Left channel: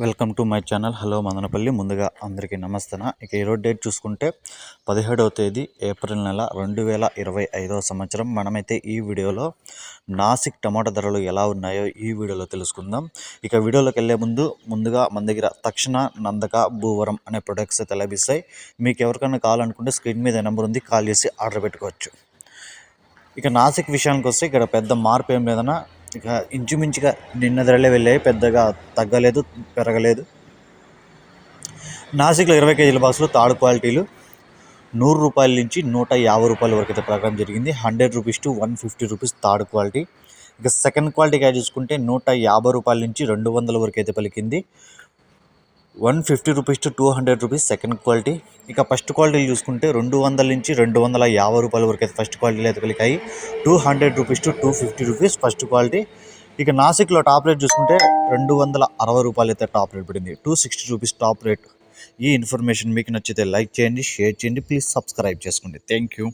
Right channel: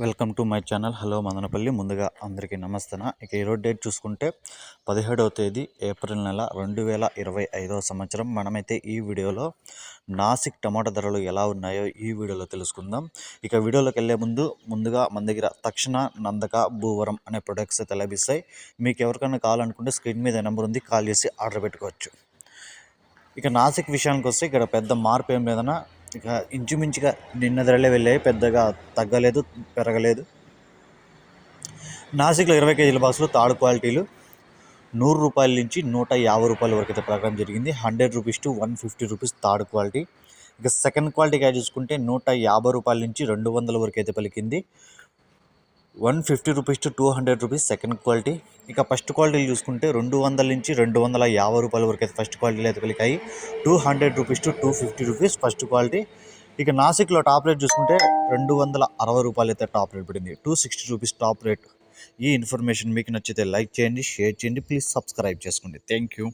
Welcome to my channel. Hello Madanapalle. ముందుగా అందరికీ నమస్తన? ఇక ఈరోజు డేట్ చూసుకుంటే పదిహేడవ తేదీ ఏప్రిల్ నెల రెండు వేల ఇరవై ఐదవ సంవత్సరం. మనమైతే ఈ వీడియోలో నాసిక్ టమాటా ధరలు ఎలా ఉన్నాయో ఈ వీడియోలో తెలుసుకుందాం. ఇక వీడియోలోకి వెళ్ళే ముందు ముందుగా మన దగ్గర తక్షణ నందక భూవరం అనే ప్రొడక్ట్స్ అయితే లభిస్తాయి. మీకు ఎవరికైనా కావాలనుకుంటే స్క్రీన్ మీద నెంబర్ ఉంది కాల్ చేసి ఆర్డర్ పెట్టుకోవచ్చు. ఇక నాసిక్ విషయానికి వస్తే ఇక్కడ పెద్ద మార్పు ఏం లేదన్నా ఇక ఇంచుమించుగా నిన్న ధరలే వెళ్ళాయి పెద్దగా తగ్గలేదు పెరగలేదు. నాసిక్లో ఇరవై కేజీల బాక్సులు తాడు క్వాలిటీలు నూరు రూపాయల నుంచి నూట యాభై రూపాయల వరకు అయితే ప్రకారం జరిగింది. Hundred rupees to one fifty rupees third quality. ఇక సెకండ్ క్వాలిటీగా చూసుకుంటే నూట యాభై రూపాయల నుంచి రెండు వందల వరకు అయితే పలికింది. One fifty rupees to two hundred rupees second quality. ఇక ఫస్ట్ క్వాలిటీలు చూసుకుంటే రెండు వందల నుంచి రెండు వందల యాభై రూపాయల వరకు అయితే ఫస్ట్ క్వాలిటీలు అయితే కలిగాయి. Two hundred rupees to two fifty rupees first quality. ఇక నాసిక్లో టాప్ రేట్ చూసుకుంటే రెండు వందల అరవై రూపాయలు అయితే టాప్ రేట్ పడింది. Two sixty rupees top rate. ఈ ఇన్ఫర్మేషన్ మీకు నచ్చితే లైక్ చేయండి షేర్ చేయండి ప్లీజ్ సబ్స్క్రైబ్ చేసుకోండి. Thank you.